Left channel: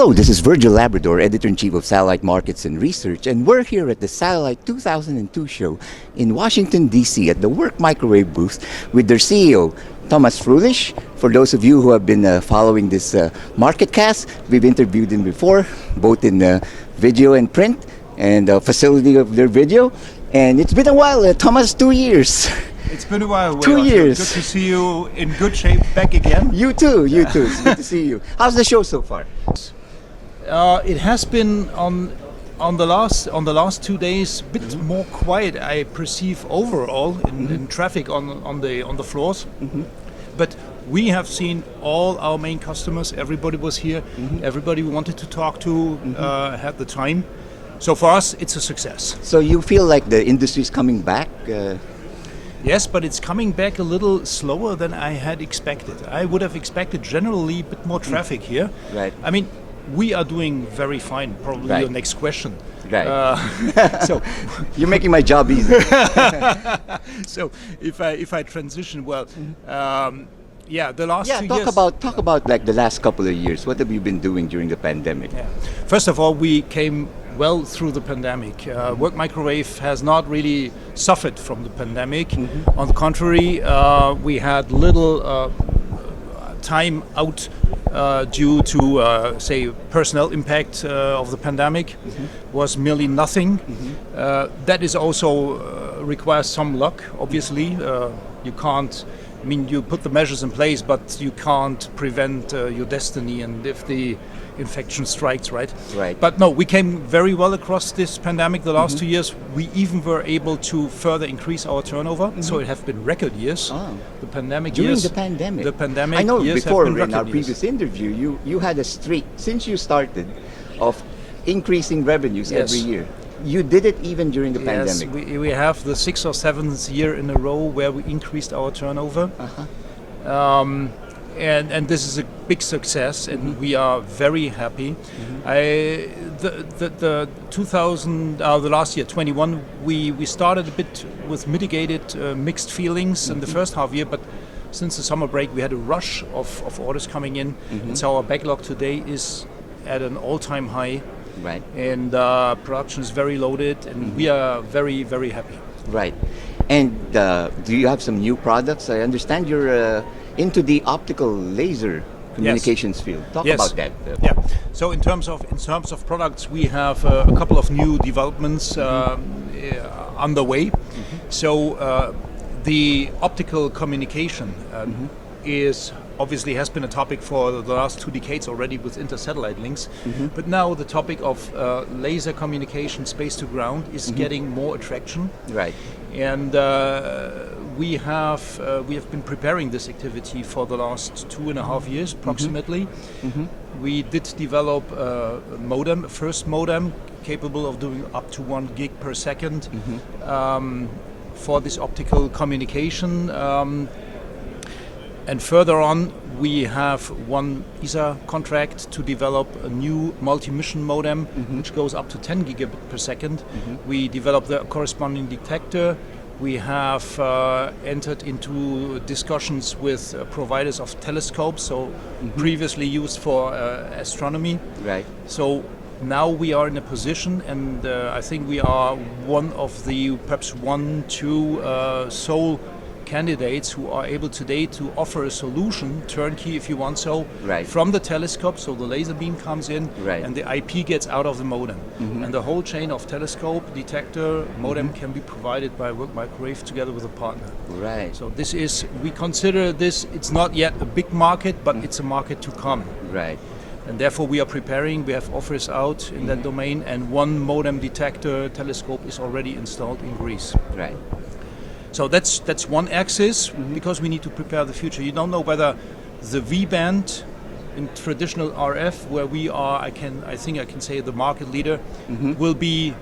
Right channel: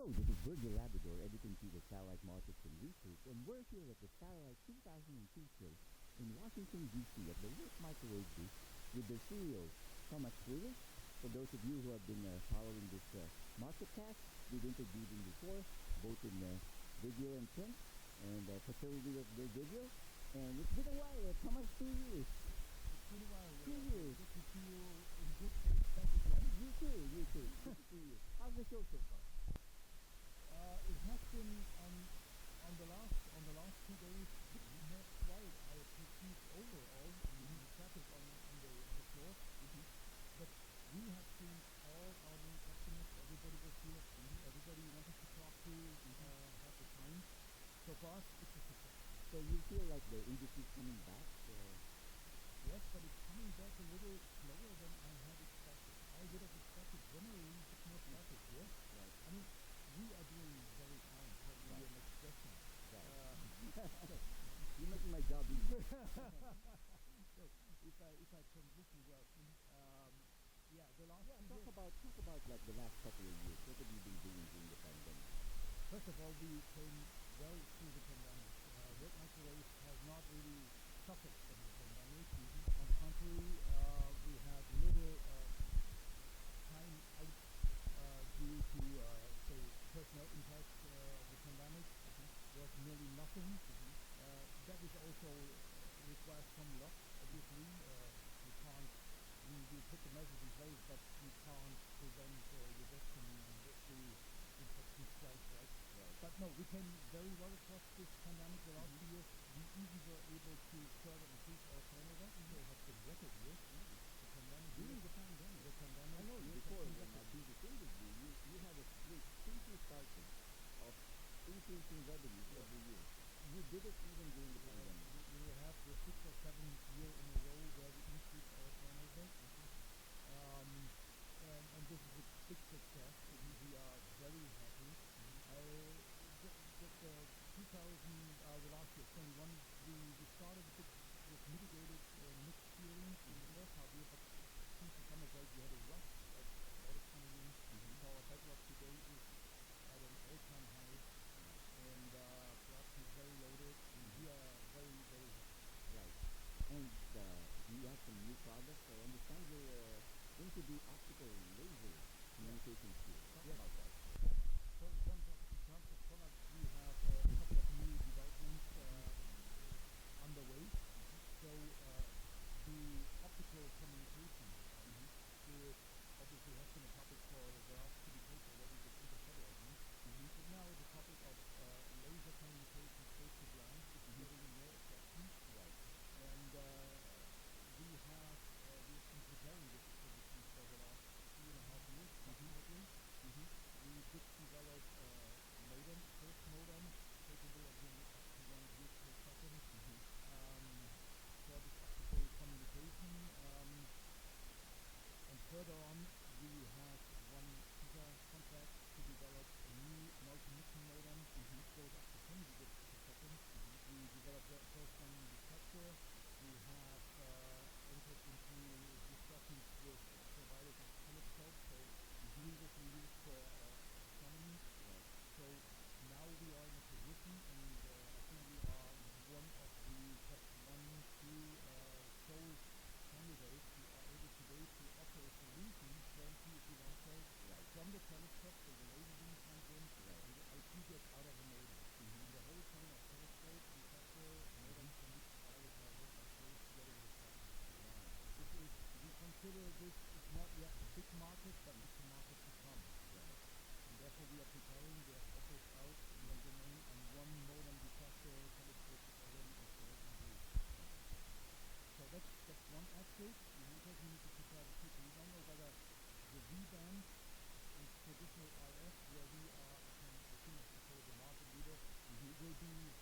Hello, this is Virgil Labrador, Editor-in-Chief of Satellite Markets and Research, and we're here at the Satellite 2002 show in Washington, D.C. at the Work Microwave booth with their CEO, Thomas Fröhlich. For those of you who have been following this MarketCast, we've interviewed him before, both in video and print, and facility of their video. And it's been a while, Thomas, 2 years. It's been a while. 2 years. Good to see you in good shape back again. You too. It's good to see you. How's the show so far? It has been on the last 2 days a bit more quiet. I perceive overall in traffic on the floors, but we have seen all our main customers. Everybody was here. Everybody we wanted to talk to had the time. So for us, it's a success. So you feel like the industry is coming back? Yes, but it's coming back a little slower than I had expected. I would have expected generally a bit more traffic here. Right. I mean, we are doing very fine. Probably Right. your next question. Right. So You're making my job easy. so if I transition, well, yeah, the last 2 Talk years. talk about like the last couple of years. What have you been doing during the pandemic? Yeah. First of all, we came well through the pandemic. Work Microwave has not really suffered from the pandemic. On the contrary, we had little time out due to, say, personnel impact of the pandemic. Was merely nothing. That is also requires some luck, obviously. You can't, I mean, you put the measures in place, but you can't prevent your destiny, and if the infection strikes, right? Right. But no, we came very well across this pandemic the last 2 years. We even were able to further increase our turnover, so it have been record years. Oh. The pandemic During years. the pandemic. The pandemic I know years before have been in our record previous years. interview, you had a streak since you started of increasing revenues Yes. every year. You did it even during the Yes, pandemic. we have the 6th or 7th year in a row where we increased our turnover. And this is a big success, and we are very happy. The last year, 21, we started a bit with mitigated mixed feelings in the first half year, but since the summer break we had a rush of orders coming in, and so our backlog today is at an all-time high. Right. And production is very loaded, and we are very, very happy. Right. And do you have some new products? I understand you're into the optical laser communications field. Talk Yes. about that. Yeah. So in terms of products, we have a couple of new developments underway. So the optical communication is obviously has been a topic for the last 2 decades already with inter-satellite links, but now the topic of laser communication, space to ground, is getting more attraction. Right. And we have been preparing this activity for the last 2.5 years approximately. We did develop a modem, a first modem capable of doing up to 1 gig per second for this optical communication. And further on, we have one ESA contract to develop a new multi-mission modem, which goes up to 10 gigabit per second. We developed the corresponding detector. We have entered into discussions with providers of telescopes, so previously used for astronomy. Right. So now we are in a position, and I think we are one of the perhaps 1-2 sole candidates who are able today to offer a solution, turnkey if you want so, Right. from the telescope, so the laser beam comes in Right. and the IP gets out of the modem. And the whole chain of telescope, detector, modem can be provided by Work Microwave together with a partner. Right. So this is, we consider this, it's not yet a big market, but it's a market to come. Right. And therefore we are preparing, we have offers out in that domain, and one modem detector telescope is already installed in Greece. Right. So that's one axis, because we need to prepare the future. You don't know whether the V band in traditional RF, where we are, I think I can say the market leader, will be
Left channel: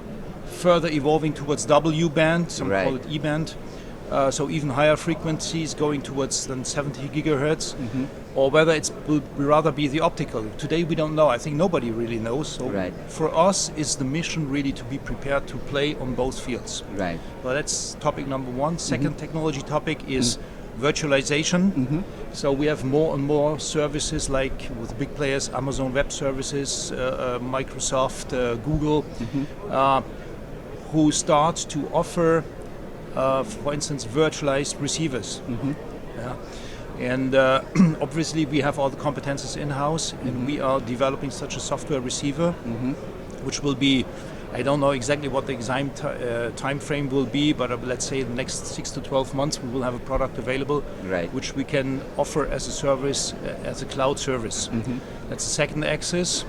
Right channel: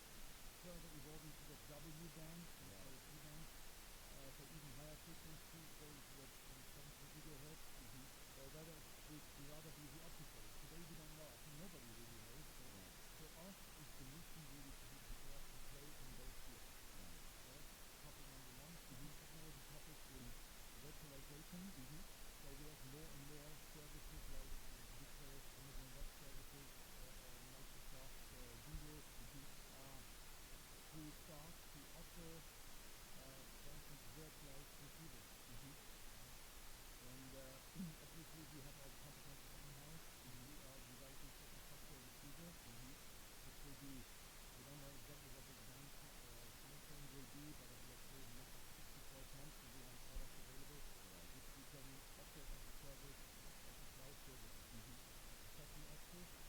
further evolving towards W band, some Right. call it E band. So even higher frequencies going towards than 70 gigahertz, or whether it will rather be the optical. Today we don't know. I think nobody really knows. So Right. for us, is the mission really to be prepared to play on both fields. Right. Well, that's topic number one. Second technology topic is virtualization. So we have more and more services like with big players, Amazon Web Services, Microsoft, Google, who start to offer, for instance, virtualized receivers. Yeah. And obviously we have all the competences in-house, and we are developing such a software receiver, which will be, I don't know exactly what the exact time frame will be, but let's say in the next 6 to 12 months we will have a product available, which we can offer as a service, as a cloud service. That's the second axis,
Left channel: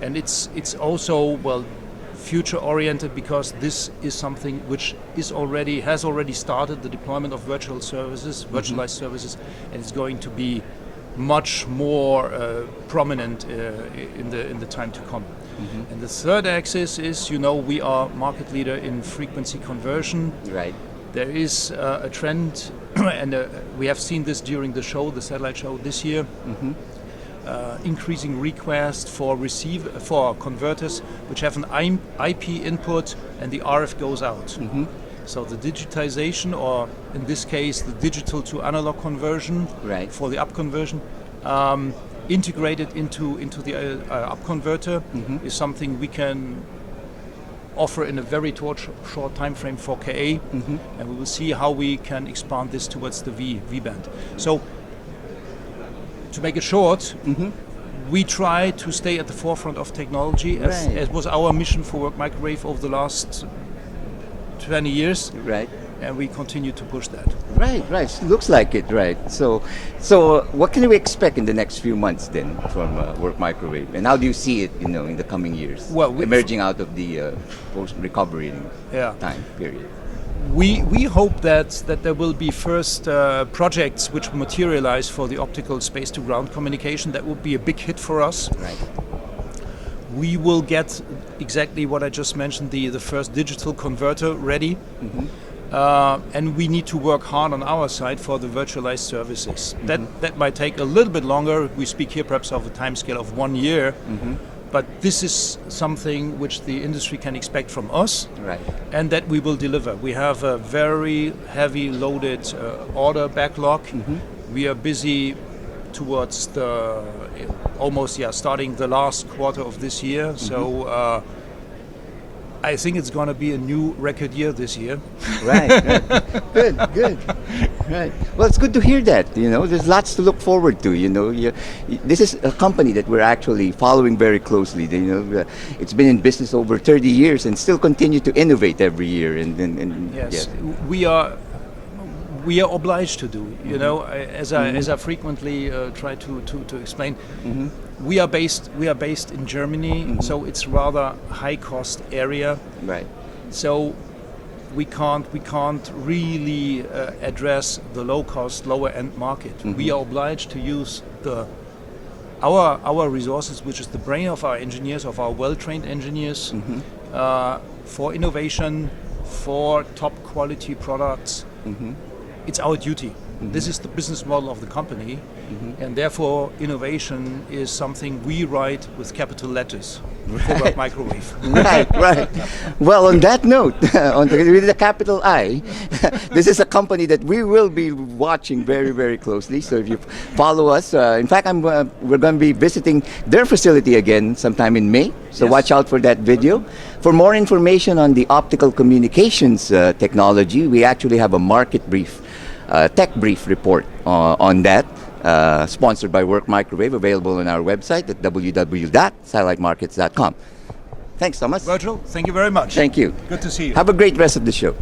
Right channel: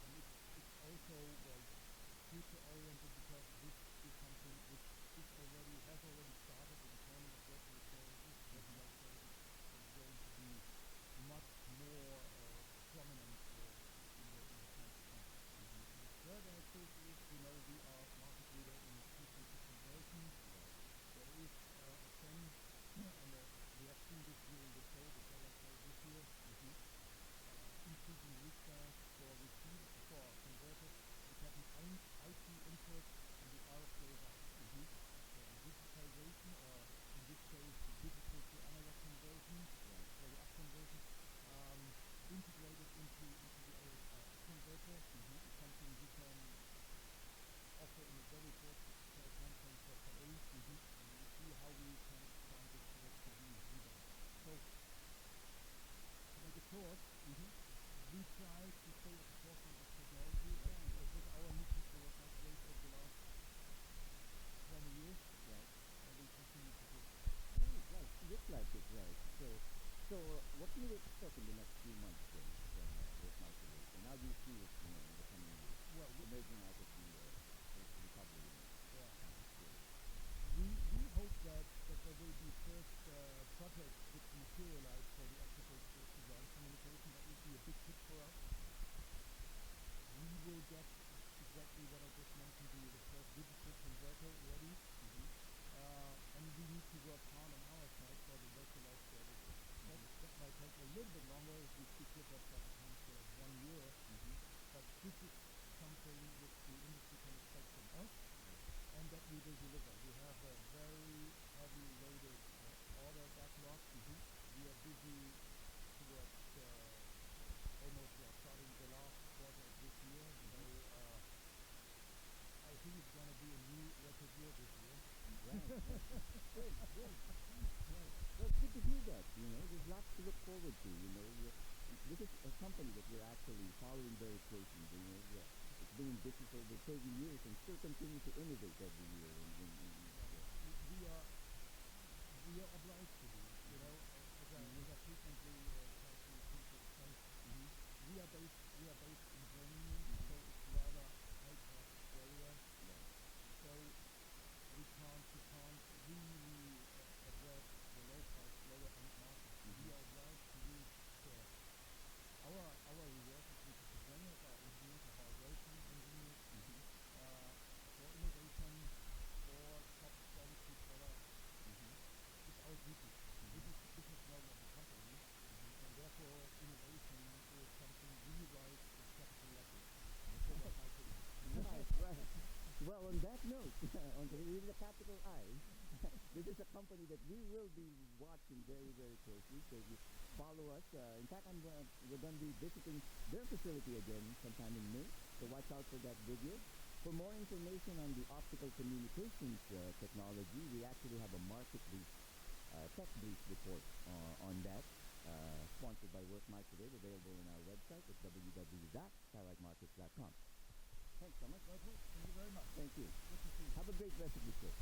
and it's also, well, future oriented, because this is something which has already started the deployment of virtual services, virtualized services, and it's going to be much more prominent in the time to come. And the third axis is, we are market leader in frequency conversion. There is a trend, and we have seen this during the show, the satellite show this year. Increasing requests for converters which have an IP input and the RF goes out. So the digitization, or in this case the digital to analog conversion, for the up conversion, integrated into the up converter, is something we can offer in a very short time frame for KA, and we will see how we can expand this towards the V band. So to make it short, we try to stay at the forefront of technology, as was our mission for Work Microwave over the last 20 years. And we continue to push that. Looks like it, So what can we expect in the next few months then from Work Microwave? And how do you see it, in the coming years? Well, emerging out of the post-recovery time period. We hope that there will be first projects which materialize for the optical space-to-ground communication. That would be a big hit for us. We will get exactly what I just mentioned, the first digital converter ready. And we need to work hard on our side for the virtualized services. That might take a little bit longer. We speak here perhaps of a time scale of 1 year. But this is something which the industry can expect from us, and that we will deliver. We have a very heavy loaded order backlog. We are busy towards starting the last quarter of this year. So I think it's going to be a new record year this year. Good. Well, it's good to hear that. There's lots to look forward to. This is a company that we're actually following very closely. It's been in business over 30 years and still continue to innovate every year. Yes, we are obliged to do. As I frequently try to explain. We are based in Germany, so it's rather high cost area. So we can't really address the low cost, lower end market. We are obliged to use our resources, which is the brain of our engineers, of our well-trained engineers, for innovation, for top quality products. It's our duty. This is the business model of the company, and therefore innovation is something we write with capital letters for Work Microwave. Well, on that note, with the capital I, this is a company that we will be watching very, very closely. So if you follow us, in fact, we're going to be visiting their facility again sometime in May. So watch out for that video. For more information on the optical communications technology, we actually have a market brief. Tech brief report on that, sponsored by Work Microwave, available on our website at www.satellitemarkets.com. Thanks, Thomas. Virgil, thank you very much. Thank you. Good to see you. Have a great rest of the show.